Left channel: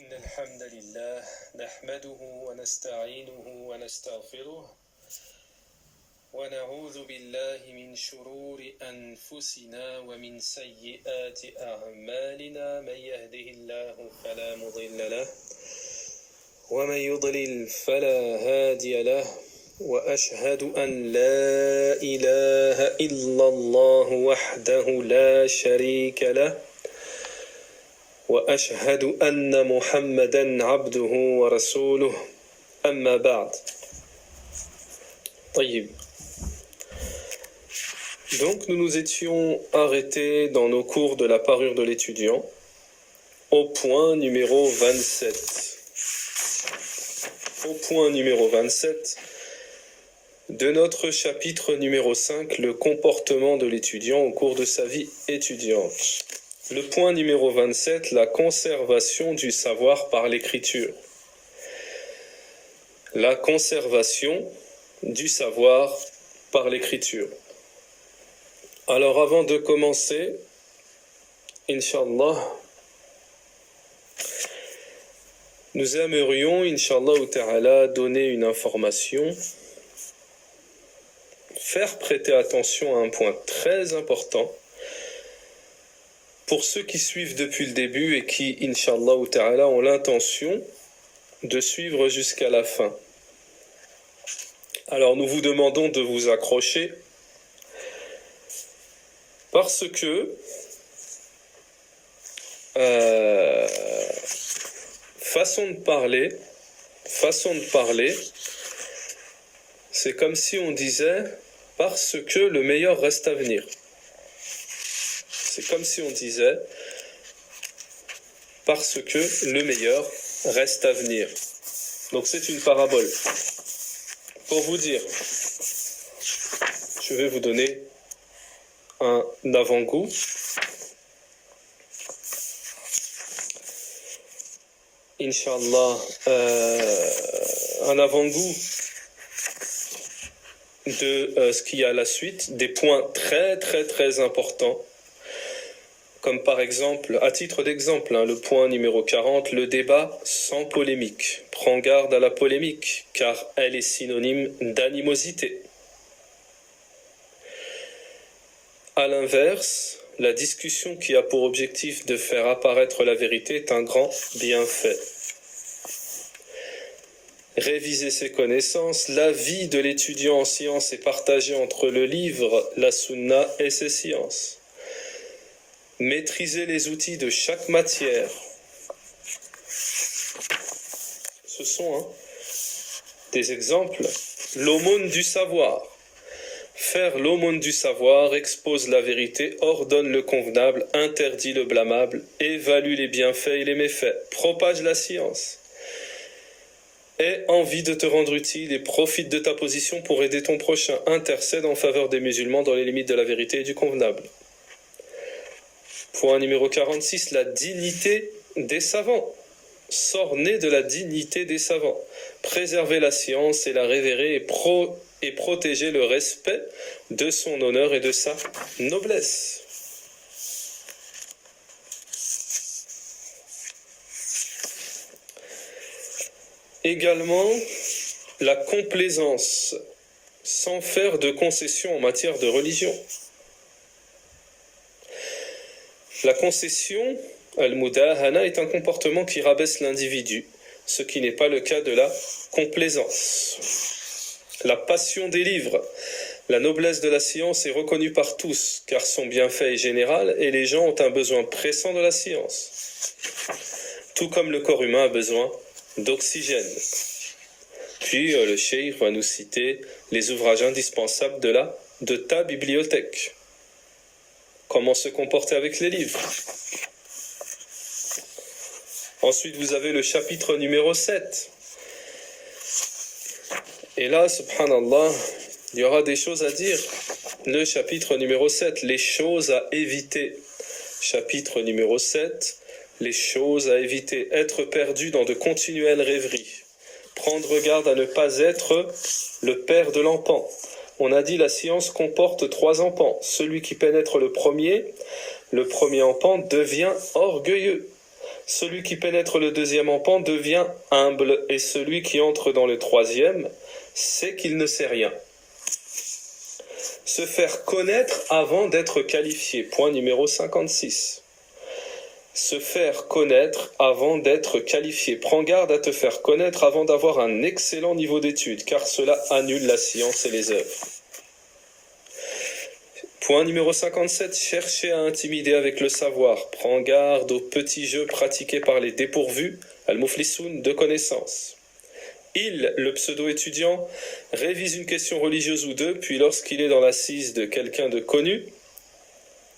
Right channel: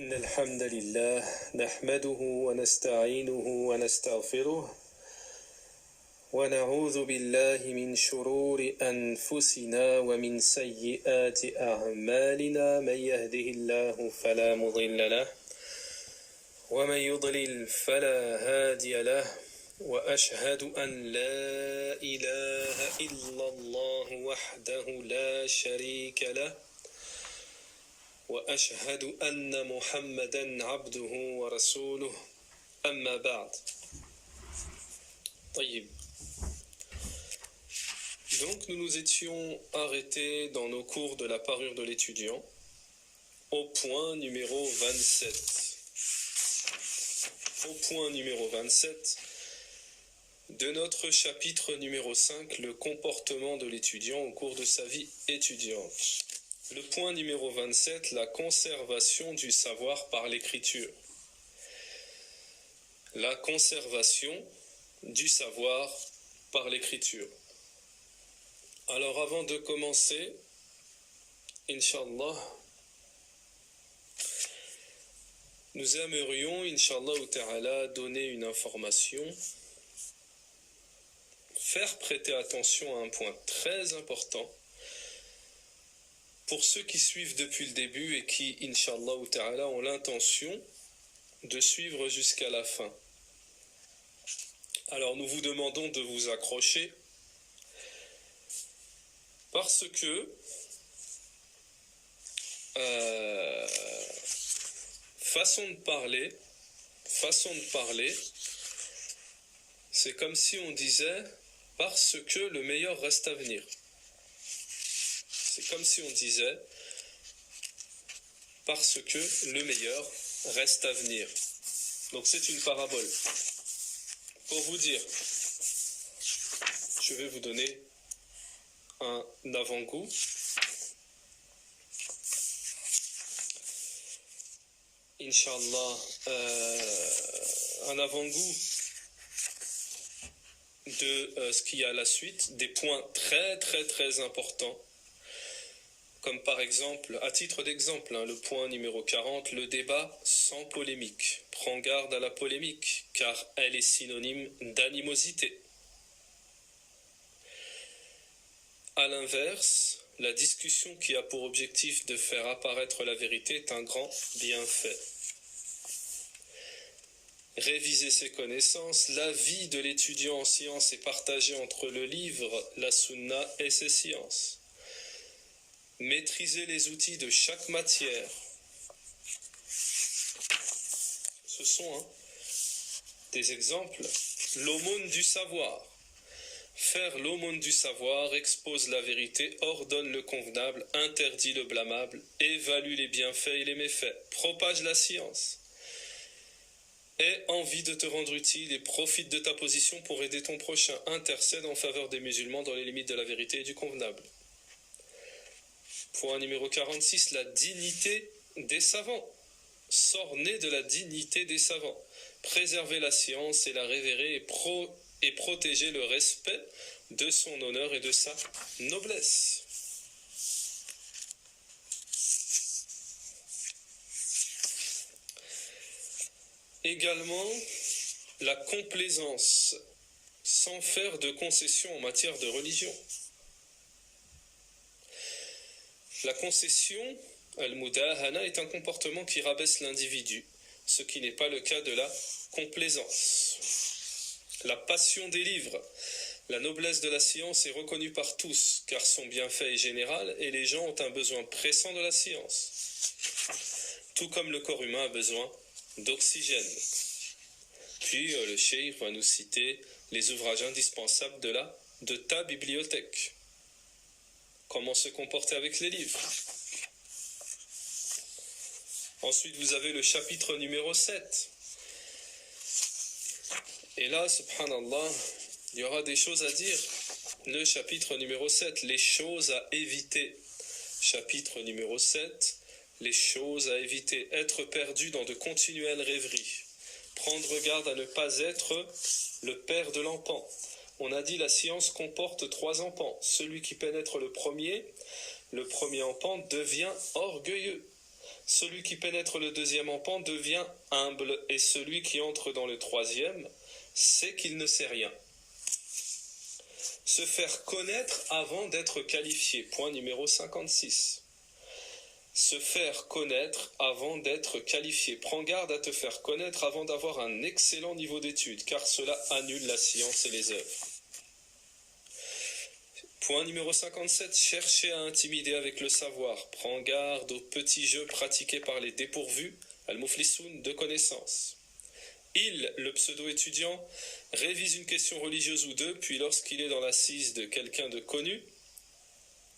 إن الحمد لله نحمده ونستعينه ونستغفره ونعوذ بالله من شرور أنفسنا ومن سيئات أعمالنا من يهده الله فلا مضل له ومن يضلل فلا هادي له وأشهد أن لا إله إلا الله وحده لا شريك له وأشهد أن محمدًا عبده ورسوله أما بعد. طيب. Donc nous nous étions arrêtés dans nos cours de la parure de l'étudiant au point numéro 27. Au point numéro 27 de notre chapitre numéro 5, le comportement de l'étudiant au cours de sa vie étudiante. Le point numéro 27, la conservation du savoir par l'écriture. La conservation du savoir par l'écriture. Alors avant de commencer, Inch'Allah, nous aimerions, Inch'Allah ta'ala, donner une information, faire prêter attention à un point très important pour ceux qui suivent depuis le début et qui, Inch'Allah ta'ala, ont l'intention de suivre jusqu'à la fin. Alors nous vous demandons de vous accrocher parce que façon de parler, c'est comme si on disait parce que le meilleur reste à venir. C'est comme si on disait parce que le meilleur reste à venir. Donc c'est une parabole. Pour vous dire, je vais vous donner un avant-goût. Inch'Allah, un avant-goût de ce qu'il y a à la suite, des points très très très importants. Comme par exemple, à titre d'exemple, le point numéro 40, le débat sans polémique. Prends garde à la polémique, car elle est synonyme d'animosité. À l'inverse, la discussion qui a pour objectif de faire apparaître la vérité est un grand bienfait. Réviser ses connaissances, la vie de l'étudiant en sciences est partagée entre le livre, la sunna et ses sciences. Maîtriser les outils de chaque matière. Ce sont des exemples. L'aumône du savoir. Faire l'aumône du savoir expose la vérité, ordonne le convenable, interdit le blâmable, évalue les bienfaits et les méfaits, propage la science. Aie envie de te rendre utile et profite de ta position pour aider ton prochain. Intercède en faveur des musulmans dans les limites de la vérité et du convenable. Point numéro 46, la dignité des savants. Sort né de la dignité des savants. Préserver la science et la révérer et protéger le respect de son honneur et de sa noblesse. Également, la complaisance, sans faire de concessions en matière de religion. La concession, al-mudahana, est un comportement qui rabaisse l'individu, ce qui n'est pas le cas de la complaisance. La passion des livres. La noblesse de la science est reconnue par tous, car son bienfait est général et les gens ont un besoin pressant de la science. Tout comme le corps humain a besoin d'oxygène. Puis le cheikh va nous citer les ouvrages indispensables de ta bibliothèque. Comment se comporter avec les livres. Ensuite, vous avez le chapitre numéro 7. Et là, subhanallah, il y aura des choses à dire. Le chapitre numéro 7, les choses à éviter. Chapitre numéro 7, les choses à éviter. Être perdu dans de continuelles rêveries. Prendre garde à ne pas être le père de l'empan. On a dit la science comporte 3 empans. Celui qui pénètre le premier empan devient orgueilleux. Celui qui pénètre le deuxième empan devient humble, et celui qui entre dans le troisième sait qu'il ne sait rien. Se faire connaître avant d'être qualifié. Point numéro 56. Se faire connaître avant d'être qualifié. Prends garde à te faire connaître avant d'avoir un excellent niveau d'études, car cela annule la science et les œuvres. Point numéro 57. Chercher à intimider avec le savoir. Prends garde aux petits jeux pratiqués par les dépourvus, al-muflisoun, de connaissances. Il, le pseudo-étudiant, révise une question religieuse ou deux, puis lorsqu'il est dans l'assise de quelqu'un de connu,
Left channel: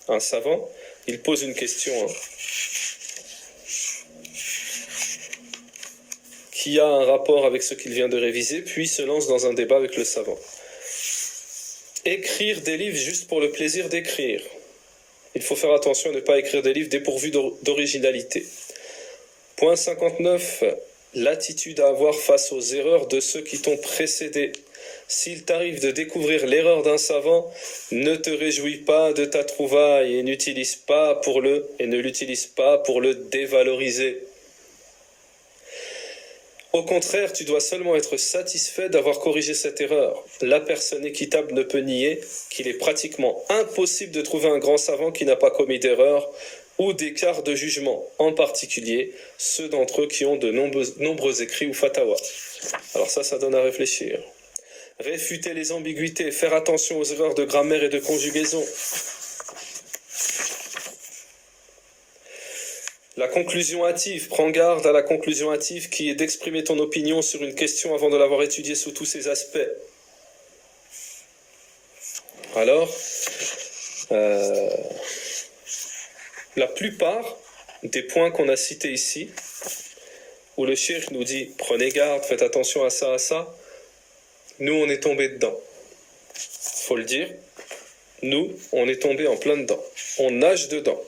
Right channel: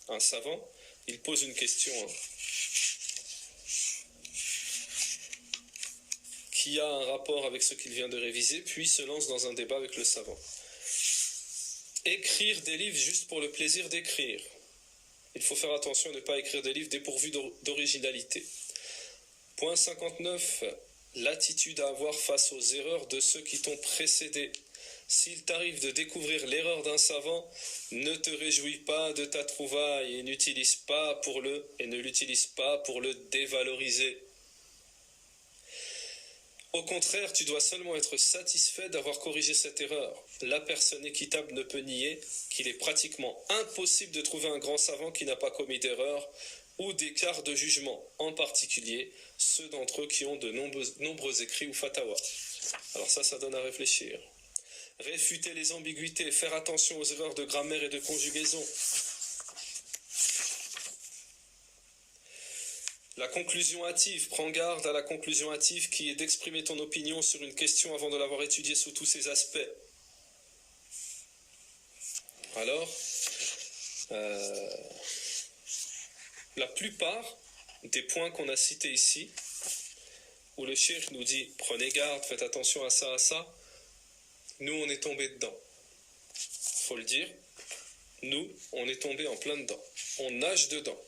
un savant, il pose une question qui a un rapport avec ce qu'il vient de réviser, puis se lance dans un débat avec le savant. Écrire des livres juste pour le plaisir d'écrire. Il faut faire attention à ne pas écrire des livres dépourvus d'originalité. Point 59. L'attitude à avoir face aux erreurs de ceux qui t'ont précédé. S'il t'arrive de découvrir l'erreur d'un savant, ne te réjouis pas de ta trouvaille et ne l'utilise pas pour le dévaloriser. Au contraire, tu dois seulement être satisfait d'avoir corrigé cette erreur. La personne équitable ne peut nier qu'il est pratiquement impossible de trouver un grand savant qui n'a pas commis d'erreur ou d'écart de jugement, en particulier ceux d'entre eux qui ont de nombreux écrits ou fatawa. Alors ça donne à réfléchir. Réfuter les ambiguïtés, faire attention aux erreurs de grammaire et de conjugaison. La conclusion hâtive, prends garde à la conclusion hâtive qui est d'exprimer ton opinion sur une question avant de l'avoir étudiée sous tous ses aspects. Alors, la plupart des points qu'on a cités ici, où le cheikh nous dit « prenez garde, faites attention à ça », nous on est tombé dedans. Faut le dire, nous on est tombé en plein dedans. On nage dedans.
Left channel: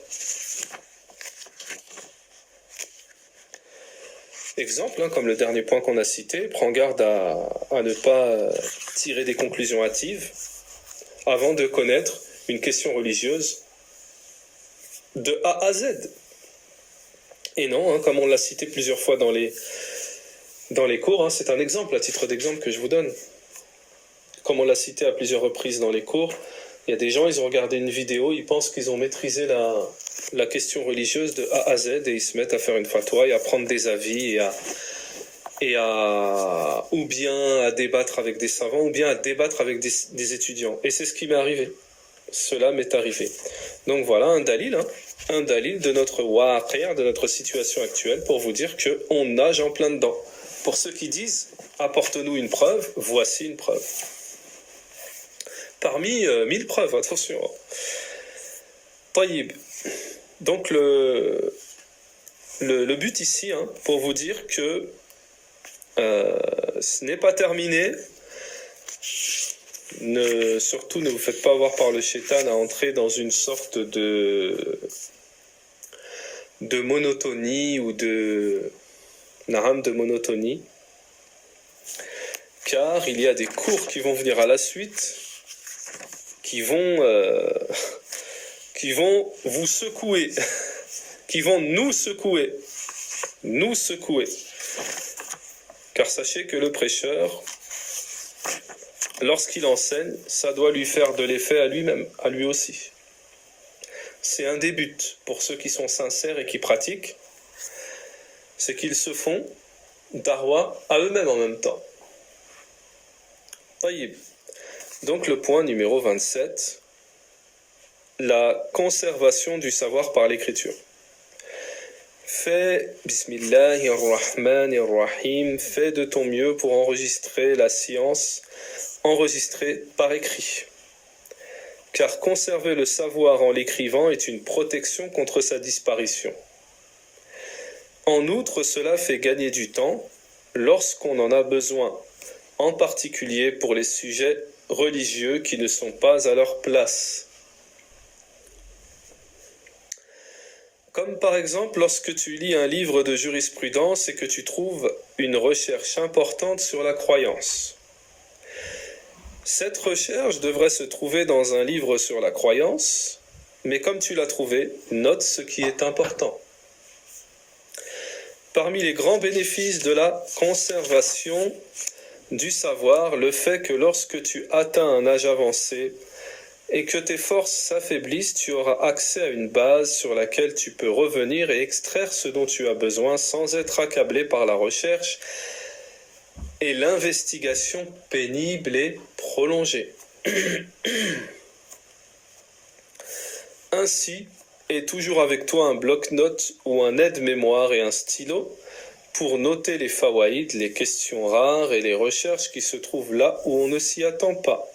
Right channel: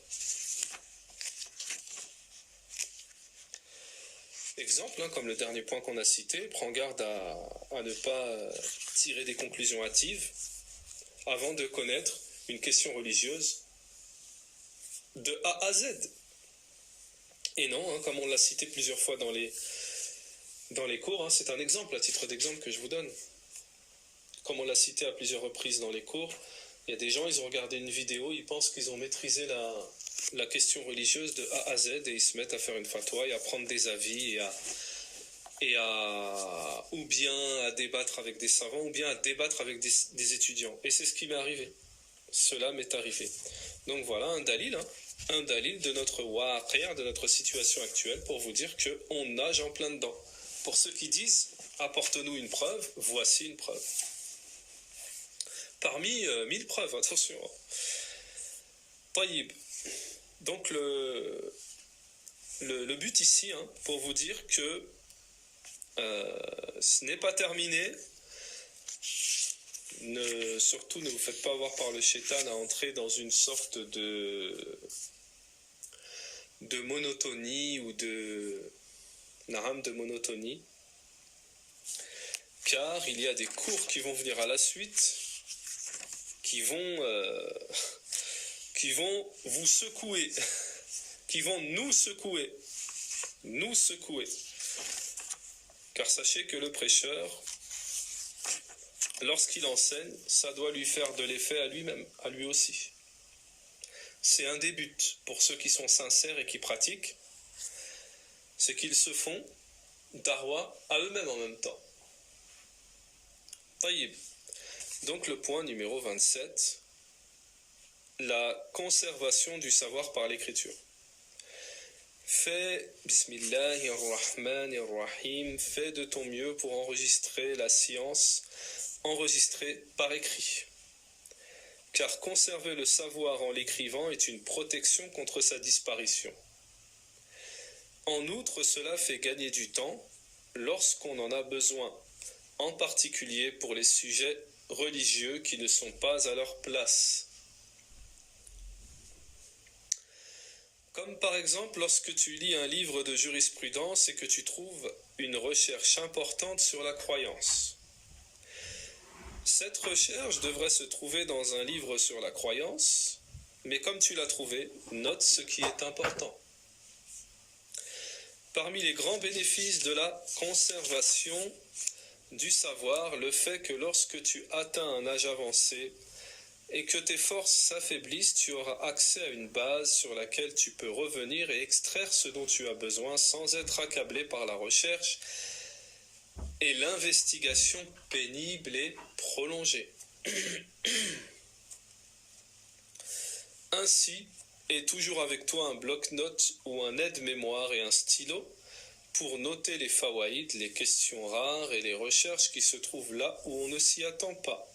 Exemple, comme le dernier point qu'on a cité, prends garde à ne pas tirer des conclusions hâtives avant de connaître une question religieuse de A à Z. Et non, comme on l'a cité plusieurs fois dans les cours, c'est un exemple, à titre d'exemple que je vous donne. Comme on l'a cité à plusieurs reprises dans les cours, il y a des gens, ils ont regardé une vidéo, ils pensent qu'ils ont maîtrisé la question religieuse de A à Z et ils se mettent à faire une fatwa et à prendre des avis ou bien à débattre avec des savants ou bien à débattre avec des étudiants. Et c'est ce qui m'est arrivé. Cela m'est arrivé. Donc voilà un dalil de notre waqi', de notre situation actuelle pour vous dire qu'on nage en plein dedans. Pour ceux qui disent apporte-nous une preuve, voici une preuve. Parmi 1000 preuves, attention. Taïb. Donc le but ici, pour vous dire que ce n'est pas terminé. Surtout ne vous faites pas avoir par le shaitan à entrer dans une sorte de monotonie ou de monotonie, car il y a des cours qui vont venir à la suite qui vont vous secouer, qui vont nous secouer. Car sachez que le prêcheur, lorsqu'il enseigne, ça doit lui faire de l'effet à lui-même, à lui aussi. C'est un des buts pour ceux qui sont sincères et qui pratiquent, c'est qu'ils se font darwa à eux-mêmes en même temps. Taïb. Donc le point numéro 27, la conservation du savoir par l'écriture. Fais, bismillahirrahmanirrahim, fais de ton mieux pour enregistrer la science, enregistrée par écrit. Car conserver le savoir en l'écrivant est une protection contre sa disparition. En outre, cela fait gagner du temps lorsqu'on en a besoin, en particulier pour les sujets religieux qui ne sont pas à leur place. Comme par exemple lorsque tu lis un livre de jurisprudence et que tu trouves une recherche importante sur la croyance. Cette recherche devrait se trouver dans un livre sur la croyance, mais comme tu l'as trouvé, note ce qui est important. Parmi les grands bénéfices de la conservation du savoir, le fait que lorsque tu atteins un âge avancé et que tes forces s'affaiblissent, tu auras accès à une base sur laquelle tu peux revenir et extraire ce dont tu as besoin sans être accablé par la recherche et l'investigation pénible et prolongée. Ainsi, aie toujours avec toi un bloc-notes ou un aide-mémoire et un stylo pour noter les fawaïd, les questions rares et les recherches qui se trouvent là où on ne s'y attend pas.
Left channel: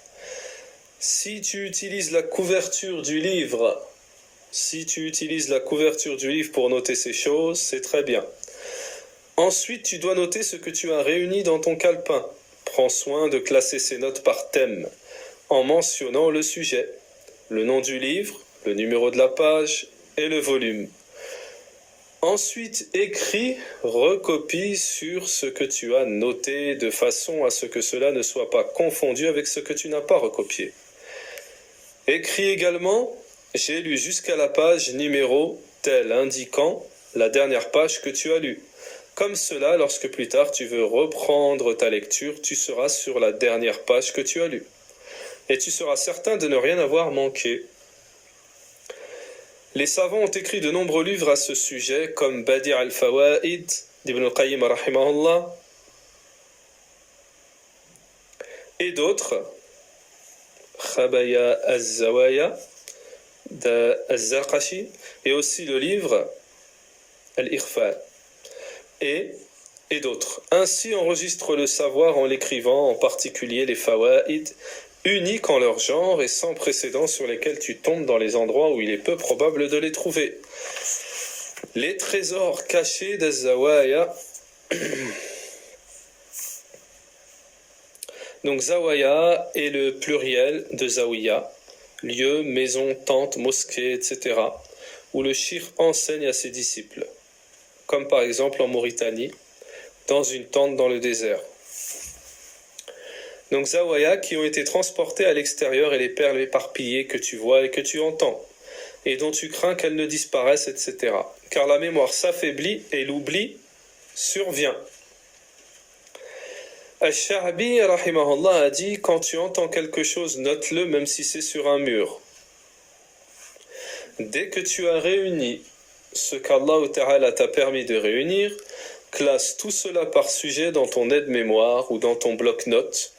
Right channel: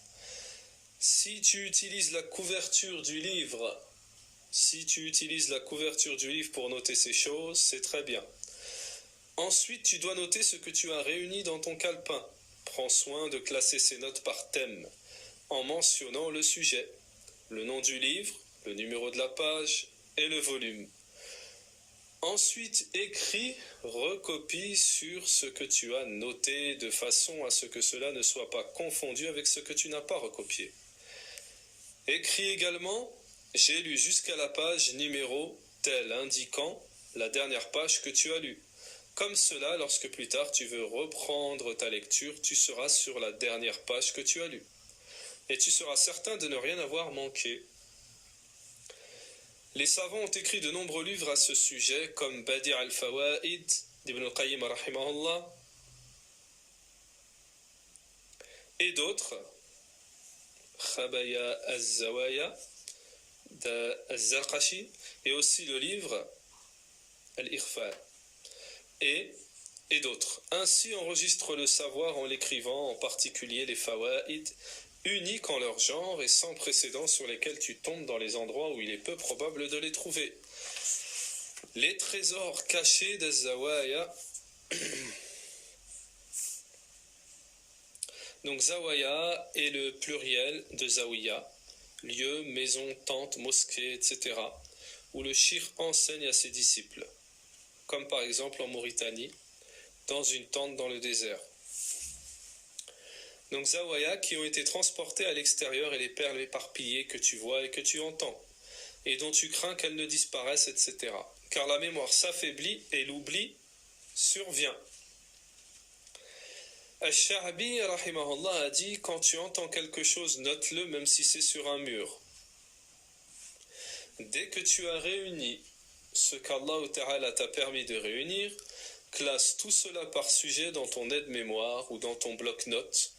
Si tu utilises la couverture du livre, pour noter ces choses, c'est très bien. Ensuite, tu dois noter ce que tu as réuni dans ton calepin. Prends soin de classer ces notes par thème, en mentionnant le sujet, le nom du livre, le numéro de la page et le volume. Ensuite, écris, recopie sur ce que tu as noté de façon à ce que cela ne soit pas confondu avec ce que tu n'as pas recopié. Écris également « J'ai lu jusqu'à la page numéro tel » indiquant la dernière page que tu as lue. Comme cela, lorsque plus tard tu veux reprendre ta lecture, tu seras sur la dernière page que tu as lue. Et tu seras certain de ne rien avoir manqué. Les savants ont écrit de nombreux livres à ce sujet, comme Badi' al-Fawaid d'Ibn al-Qayyim rahimahullah, et d'autres, Khabaya al-Zawaya d'Al-Zarqashi, et aussi le livre Al-Ikhfa, et d'autres. Ainsi enregistre le savoir en l'écrivant, en particulier les Fawaid, uniques en leur genre et sans précédent sur lesquels tu tombes dans les endroits où il est peu probable de les trouver. Les trésors cachés d'Az-Zawaya. Donc Zawaya est le pluriel de Zawiya, lieu, maison, tente, mosquée, etc., où le shir enseigne à ses disciples, comme par exemple en Mauritanie, dans une tente dans le désert. Donc Zawaya qui ont été transportés à l'extérieur et les perles éparpillées que tu vois et que tu entends, et dont tu crains qu'elles ne disparaissent, etc. Car la mémoire s'affaiblit et l'oubli survient. Al-Sha'bi rahimahullah a dit « Quand tu entends quelque chose, note-le même si c'est sur un mur. Dès que tu as réuni ce qu'Allah Ta'ala t'a permis de réunir, classe tout cela par sujet dans ton aide-mémoire ou dans ton bloc-notes,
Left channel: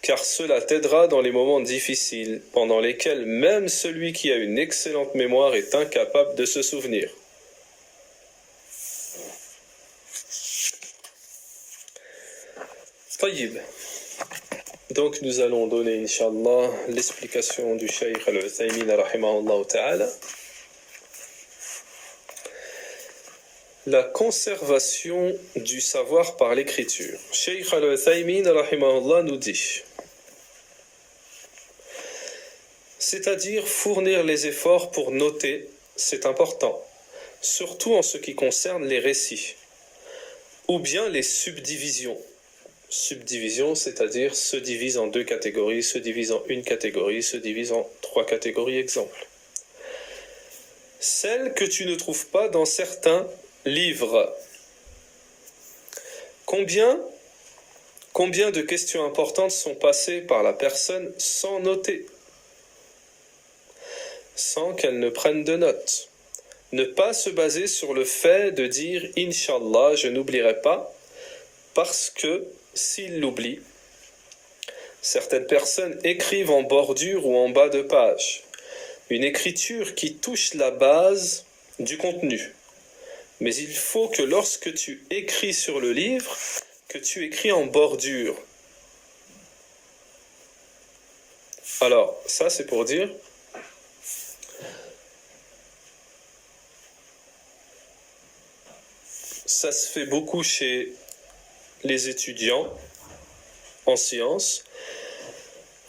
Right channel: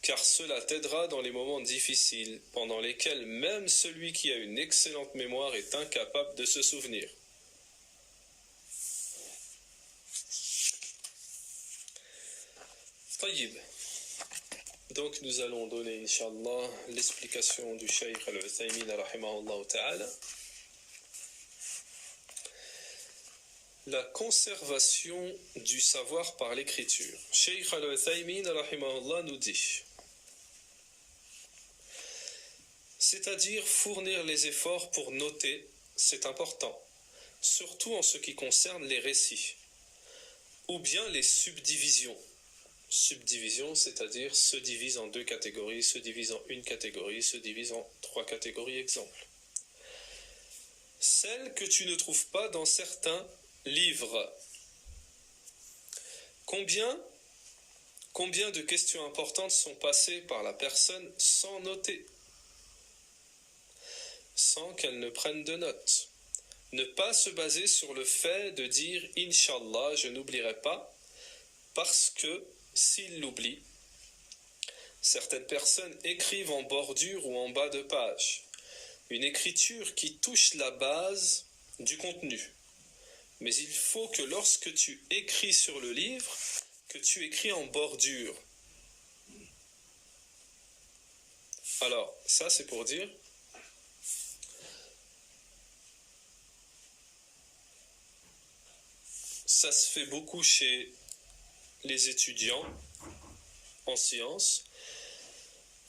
car cela t'aidera dans les moments difficiles, pendant lesquels même celui qui a une excellente mémoire est incapable de se souvenir. » Tayyib. Donc nous allons donner, Inch'Allah, l'explication du Cheikh Al-Uthaymin rahimahullah ta'ala. La conservation du savoir par l'écriture. Cheikh Al-Uthaymin rahimahullah nous dit, c'est-à-dire fournir les efforts pour noter, c'est important, surtout en ce qui concerne les récits, ou bien les subdivisions. Subdivision, c'est-à-dire se divise en deux catégories, se divise en une catégorie, se divise en trois catégories, exemple. Celles que tu ne trouves pas dans certains livres. Combien de questions importantes sont passées par la personne sans noter, sans qu'elle ne prenne de notes. Ne pas se baser sur le fait de dire « Inch'Allah, je n'oublierai pas » parce que s'il l'oublie, certaines personnes écrivent en bordure ou en bas de page, une écriture qui touche la base du contenu. Mais il faut que lorsque tu écris sur le livre, que tu écris en bordure. Alors, ça c'est pour dire, ça se fait beaucoup chez les étudiants en sciences.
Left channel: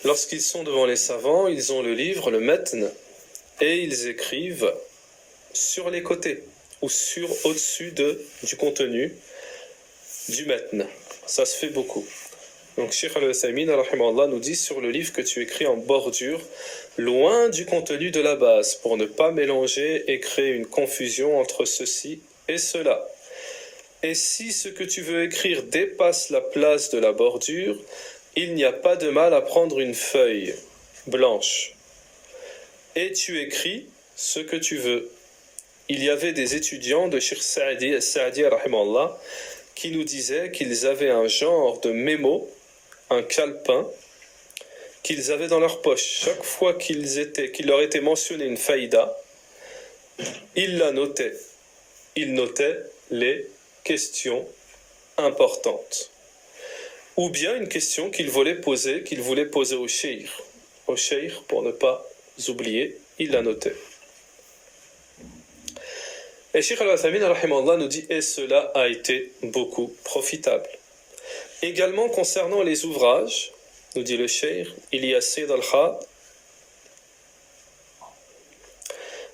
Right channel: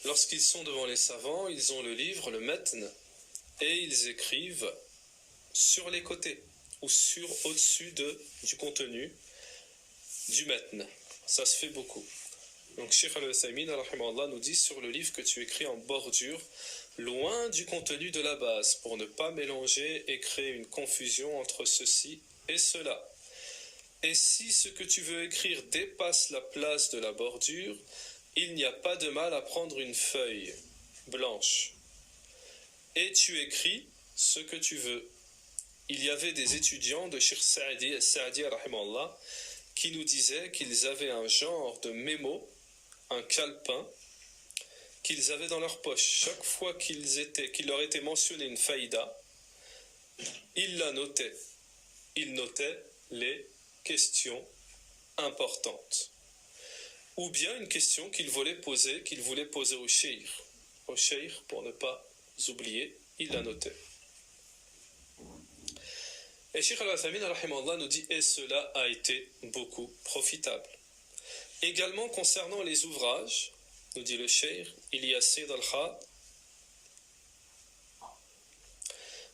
Lorsqu'ils sont devant les savants, ils ont le livre, le matn, et ils écrivent sur les côtés ou au-dessus du contenu du matn. Ça se fait beaucoup. Donc Cheikh Al-Uthaymin rahimahullah nous dit sur le livre que tu écris en bordure, loin du contenu de la base, pour ne pas mélanger et créer une confusion entre ceci et cela. Et si ce que tu veux écrire dépasse la place de la bordure, il n'y a pas de mal à prendre une feuille blanche. Et tu écris ce que tu veux. Il y avait des étudiants de Cheikh Saadi rahimallah, qui nous disaient qu'ils avaient un genre de mémo, un calepin, qu'ils avaient dans leur poche. Chaque fois qu'il leur était mentionné une faïda, ils la notaient. Ils notaient les questions importantes. Ou bien une question qu'ils voulaient poser au cheikh. Au cheikh, pour ne pas oublier, ils la notaient. Et Cheikh Al-Uthaymin rahimallah nous dit, et cela a été beaucoup profitable. Également concernant les ouvrages, nous dit le cheikh, il y a Sayyid al-Kha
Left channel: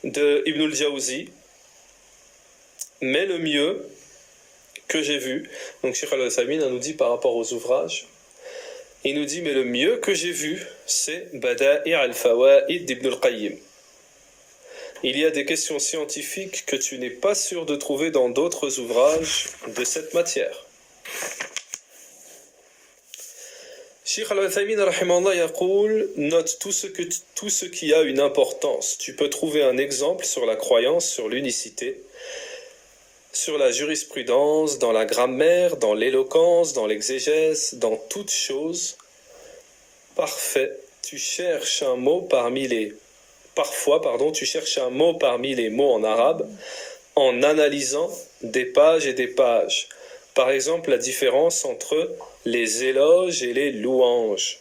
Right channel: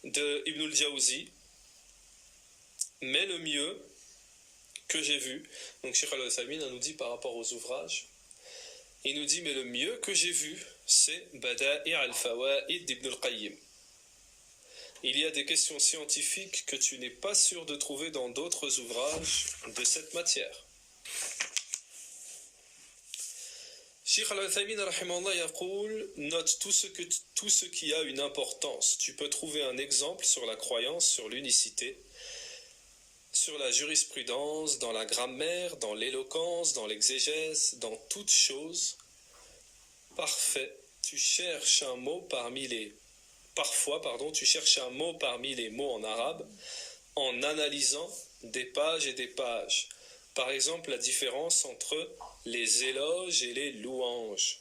de Ibn al-Jawzi, mais le mieux que j'ai vu, donc Cheikh Al-Uthaymin nous dit par rapport aux ouvrages, il nous dit, mais le mieux que j'ai vu, c'est Bada'i' al-Fawaid d'Ibn al-Qayyim. Il y a des questions scientifiques que tu n'es pas sûr de trouver dans d'autres ouvrages de cette matière. Cheikh Al-Uthaymin rahimallah yaqul, note tout ce qui a une importance. Tu peux trouver un exemple sur la croyance, sur l'unicité, sur la jurisprudence, dans la grammaire, dans l'éloquence, dans l'exégèse, dans toute chose. Parfait. Tu cherches un mot parmi les tu cherches un mot parmi les mots en arabe en analysant des pages et des pages. Par exemple, la différence entre les éloges et les louanges.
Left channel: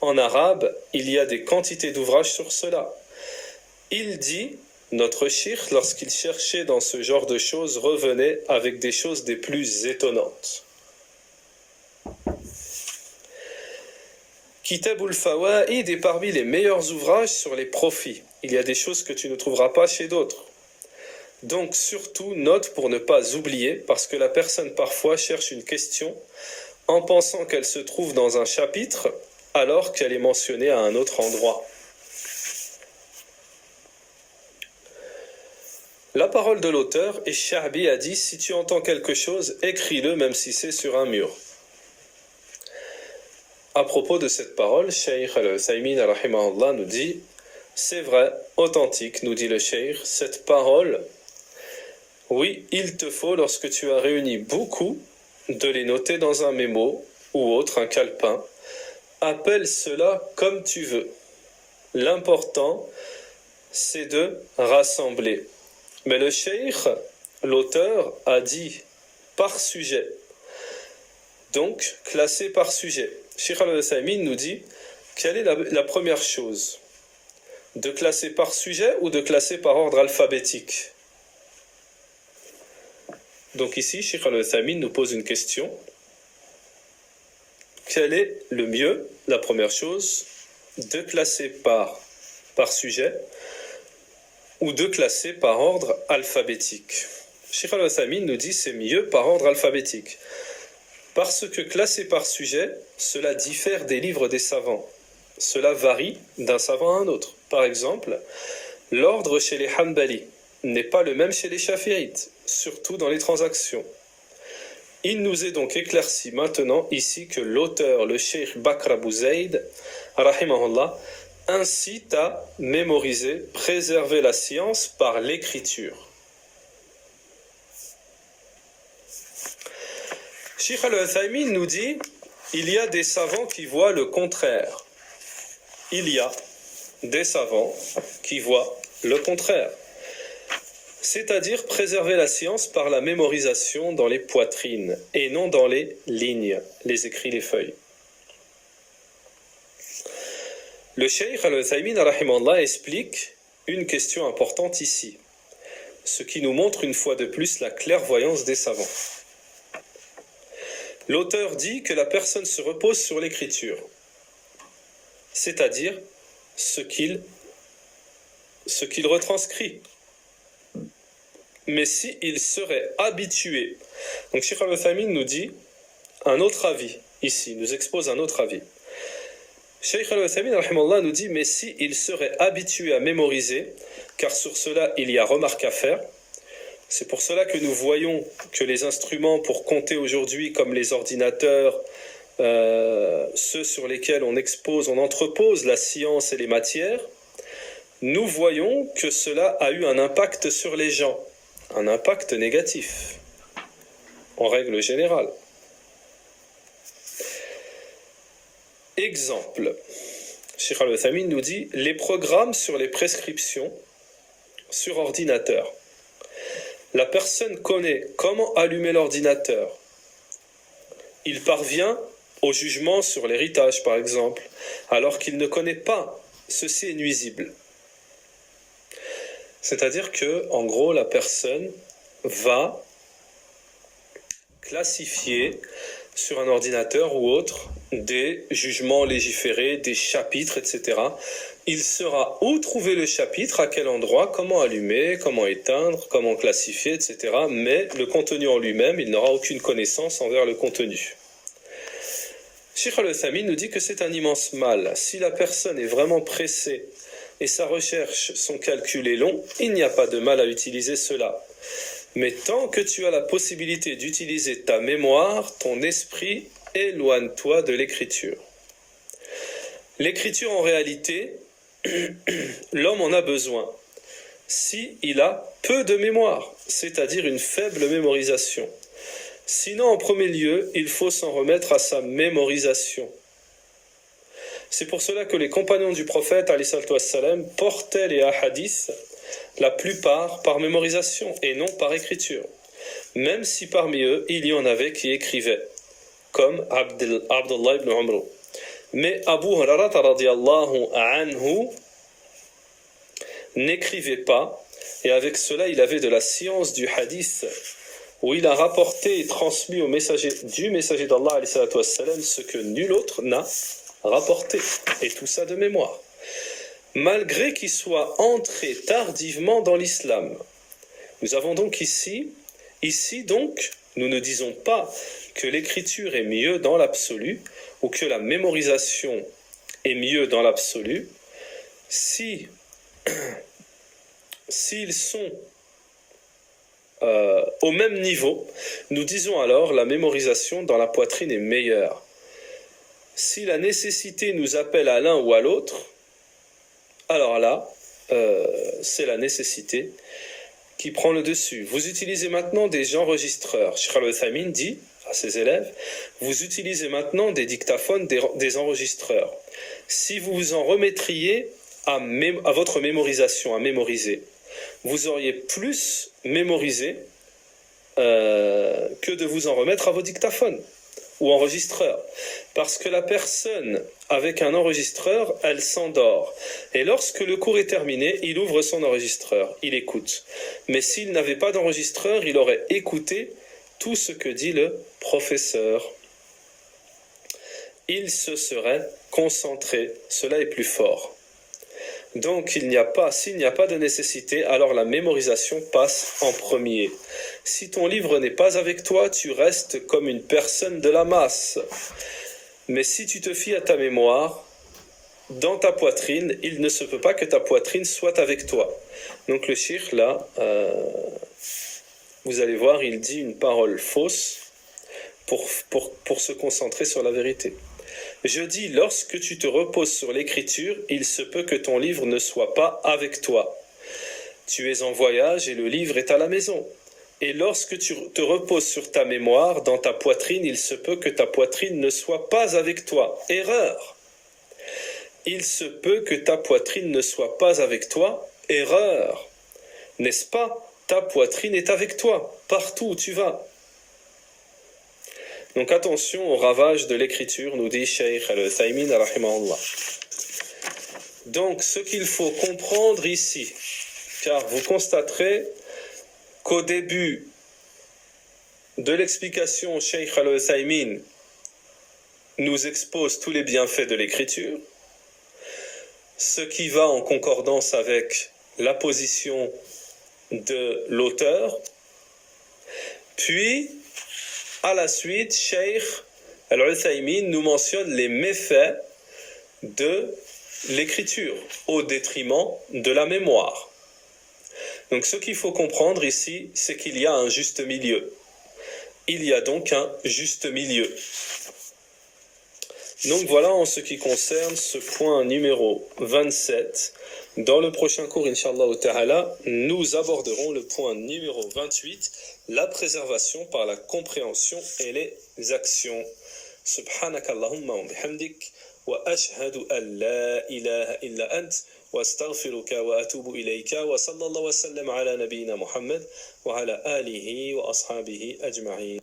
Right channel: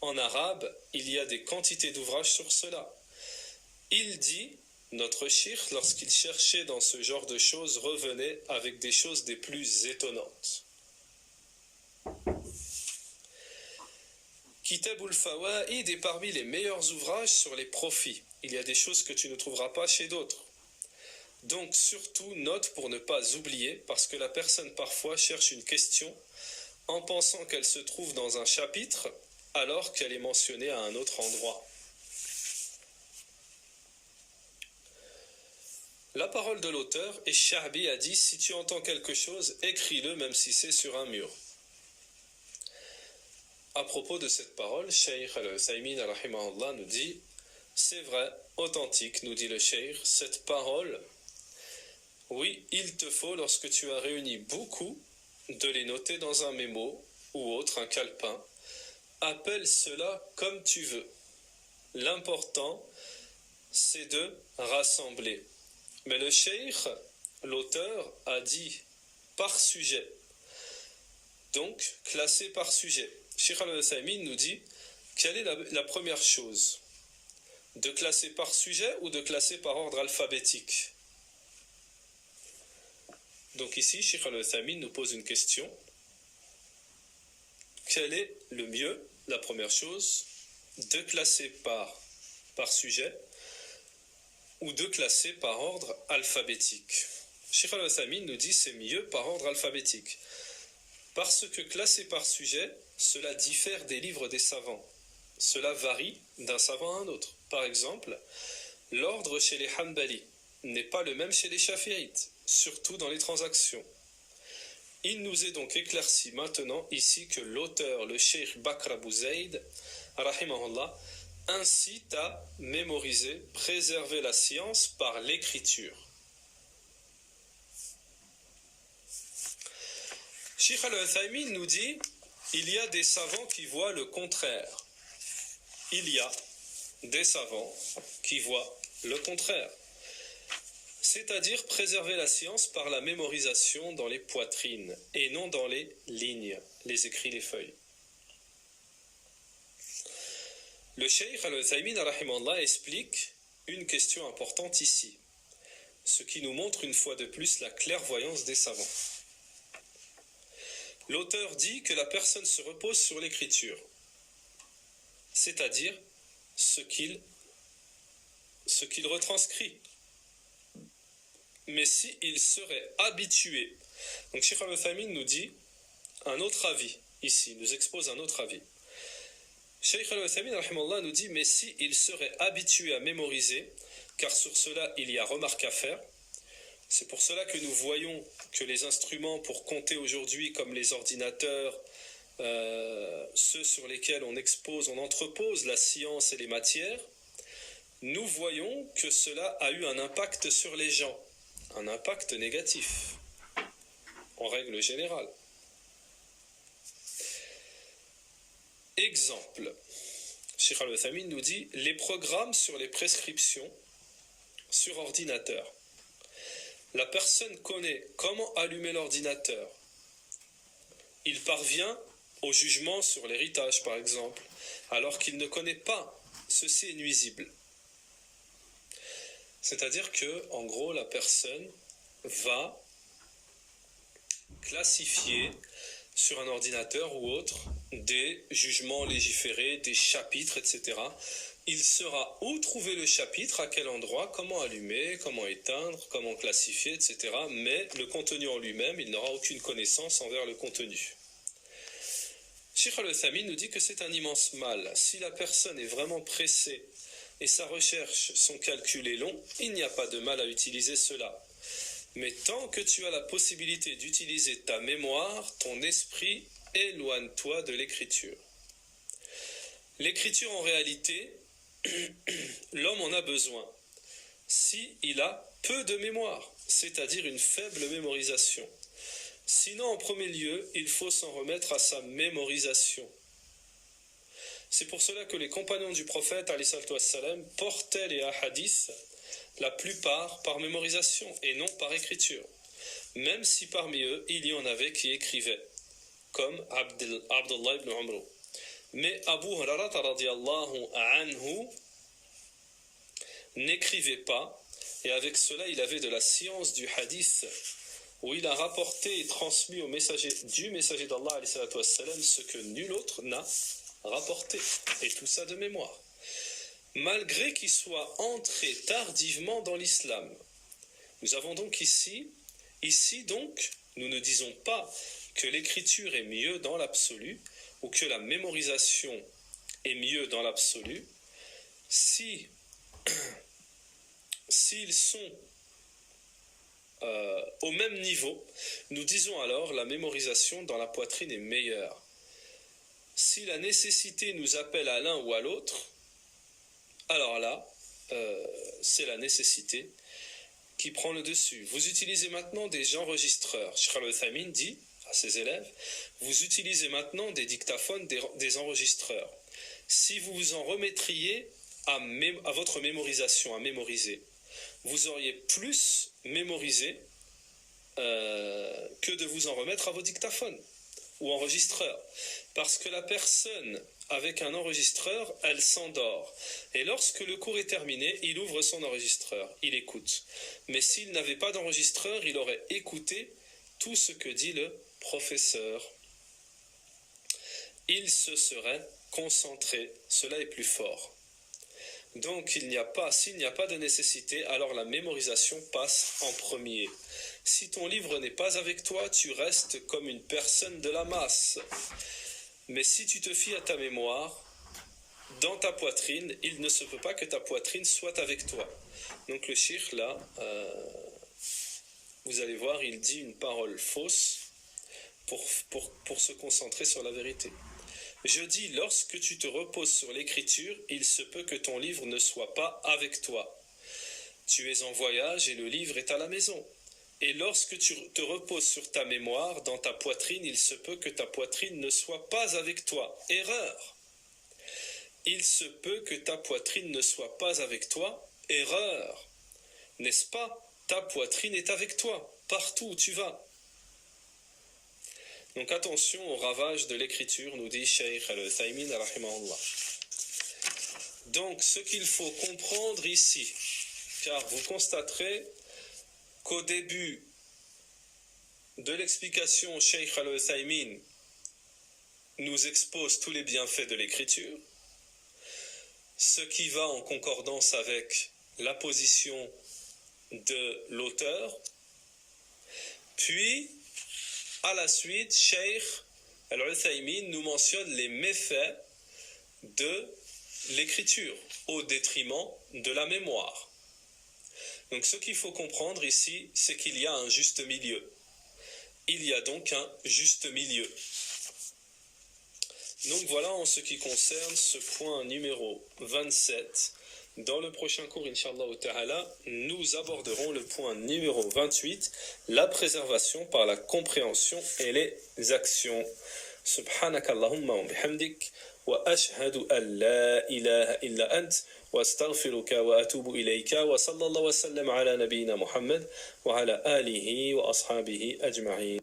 En arabe, il y a des quantités d'ouvrages sur cela. Il dit, notre cheikh, lorsqu'il cherchait dans ce genre de choses, revenait avec des choses des plus étonnantes. Kitabul Fawaid est parmi les meilleurs ouvrages sur les profits. Il y a des choses que tu ne trouveras pas chez d'autres. Donc surtout, note pour ne pas oublier, parce que la personne parfois cherche une question en pensant qu'elle se trouve dans un chapitre alors qu'elle est mentionnée à un autre endroit. La parole de l'auteur, et Sha'bi a dit, si tu entends quelque chose, écris-le même si c'est sur un mur. À propos de cette parole, Cheikh Al-Uthaymin rahimahullah nous dit, c'est vrai, authentique, nous dit le Cheikh, cette parole, oui, il te faut, lorsque tu as réuni beaucoup, de les noter dans un mémo ou autre, un calepin. Appelle cela comme tu veux. L'important, c'est de rassembler. Mais le Cheikh, l'auteur, a dit par sujet. Donc, classé par sujet. Cheikh Al-Uthaymin nous dit, quelle est la première chose? De classer par sujet ou de classer par ordre alphabétique? Donc ici, Cheikh Al-Uthaymin nous pose une question. Quel est le mieux? La première chose, de classer par sujet ou de classer par ordre alphabétique. Cheikh Al-Uthaymin nous dit c'est mieux par ordre alphabétique. Parce que classer par sujet, cela diffère des livres des savants. Cela varie d'un savant à un autre. Par exemple, l'ordre chez les Hanbali n'est pas le même chez les Shafi'ites, surtout dans les transactions. Il nous est donc éclairci maintenant ici que l'auteur, le Cheikh Bakr Abu Zayd, rahimahullah, incite à mémoriser, préserver la science par l'écriture. Cheikh Al-Uthaymin nous dit, il y a des savants qui voient le contraire. Il y a des savants qui voient le contraire. C'est-à-dire préserver la science par la mémorisation dans les poitrines et non dans les lignes, les écrits, les feuilles. Le Cheikh Al-Uthaymin rahimahullah explique une question importante ici, ce qui nous montre une fois de plus la clairvoyance des savants. L'auteur dit que la personne se repose sur l'écriture, c'est-à-dire ce qu'il retranscrit. Mais s'il serait habitué, donc Cheikh Al-Uthaymin nous dit un autre avis, ici, nous expose un autre avis. Cheikh Al-Uthaymin rahimahullah nous dit, mais s'il serait habitué à mémoriser, car sur cela il y a remarque à faire, C'est pour cela que nous voyons que les instruments pour compter aujourd'hui, comme les ordinateurs, ceux sur lesquels on entrepose la science et les matières, nous voyons que cela a eu un impact sur les gens, un impact négatif, en règle générale. Exemple, Cheikh Al-Uthaymin nous dit les programmes sur les prescriptions sur ordinateur. La personne connaît comment allumer l'ordinateur. Il parvient au jugement sur l'héritage, par exemple, alors qu'il ne connaît pas. Ceci est nuisible. C'est-à-dire que, en gros, la personne va classifier sur un ordinateur ou autre des jugements légiférés, des chapitres, etc. Il saura où trouver le chapitre, à quel endroit, comment allumer, comment éteindre, comment classifier, etc. Mais le contenu en lui-même, il n'aura aucune connaissance envers le contenu. Cheikh Al-Uthaymin nous dit que c'est un immense mal. Si la personne est vraiment pressée et sa recherche, son calcul est long, il n'y a pas de mal à utiliser cela. Mais tant que tu as la possibilité d'utiliser ta mémoire, ton esprit, éloigne-toi de l'écriture. L'écriture, en réalité, l'homme en a besoin si il a peu de mémoire, c'est-à-dire une faible mémorisation. Sinon, en premier lieu, il faut s'en remettre à sa mémorisation. C'est pour cela que les compagnons du prophète, alayhi salatu wassalam, portaient les hadiths, la plupart par mémorisation et non par écriture. Même si parmi eux, il y en avait qui écrivaient, comme Abdullah ibn Umr. Mais Abu Hurairah radiyallahu anhu n'écrivait pas, et avec cela, il avait de la science du hadith, où il a rapporté et transmis au messager d'Allah alayhi salatu wassalam, ce que nul autre n'a rapporté, et tout ça de mémoire. Malgré qu'il soit entré tardivement dans l'islam. Nous avons donc ici donc, nous ne disons pas que l'écriture est mieux dans l'absolu, ou que la mémorisation est mieux dans l'absolu, s'ils sont au même niveau, nous disons alors la mémorisation dans la poitrine est meilleure. Si la nécessité nous appelle à l'un ou à l'autre, alors là, c'est la nécessité qui prend le dessus. Vous utilisez maintenant des enregistreurs. Cheikh Al-Uthaymin dit à ses élèves, vous utilisez maintenant des dictaphones, des enregistreurs. Si vous vous en remettriez à votre mémorisation, à mémoriser, vous auriez plus mémorisé que de vous en remettre à vos dictaphones ou enregistreurs. Parce que la personne avec un enregistreur, elle s'endort. Et lorsque le cours est terminé, il ouvre son enregistreur, il écoute. Mais s'il n'avait pas d'enregistreur, il aurait écouté tout ce que dit le professeur. Il se serait concentré. Cela est plus fort. Donc, s'il n'y a pas de nécessité, alors la mémorisation passe en premier. Si ton livre n'est pas avec toi, tu restes comme une personne de la masse. Mais si tu te fies à ta mémoire, dans ta poitrine, il ne se peut pas que ta poitrine soit avec toi. Donc le cheikh, là, vous allez voir, il dit une parole fausse pour se concentrer sur la vérité. Je dis, lorsque tu te reposes sur l'écriture, il se peut que ton livre ne soit pas avec toi. Tu es en voyage et le livre est à la maison. Et lorsque tu te reposes sur ta mémoire, dans ta poitrine, il se peut que ta poitrine ne soit pas avec toi. Erreur. Il se peut que ta poitrine ne soit pas avec toi. Erreur. N'est-ce pas? Ta poitrine est avec toi, partout où tu vas. Donc attention au ravage de l'écriture, nous dit Cheikh Al-Uthaymin rahimahullah. Donc ce qu'il faut comprendre ici, car vous constaterez qu'au début de l'explication, Cheikh Al-Uthaymin nous expose tous les bienfaits de l'écriture, ce qui va en concordance avec la position de l'auteur, puis à la suite, Cheikh Al-Uthaymin nous mentionne les méfaits de l'écriture au détriment de la mémoire. Donc ce qu'il faut comprendre ici, c'est qu'il y a un juste milieu. Il y a donc un juste milieu. Donc voilà en ce qui concerne ce point numéro 27. Dans le prochain cours, Inch'Allah Ta'ala, nous aborderons le point numéro 28, la préservation par la compréhension et les actions. Subhanakallahumma wa bihamdik wa ashhadu an la ilaha illa ant wa astaghfiruka wa atubu ilayka wa sallallahu wa sallam ala nabiyyina Muhammad wa ala alihi wa ashabihi ajma'in.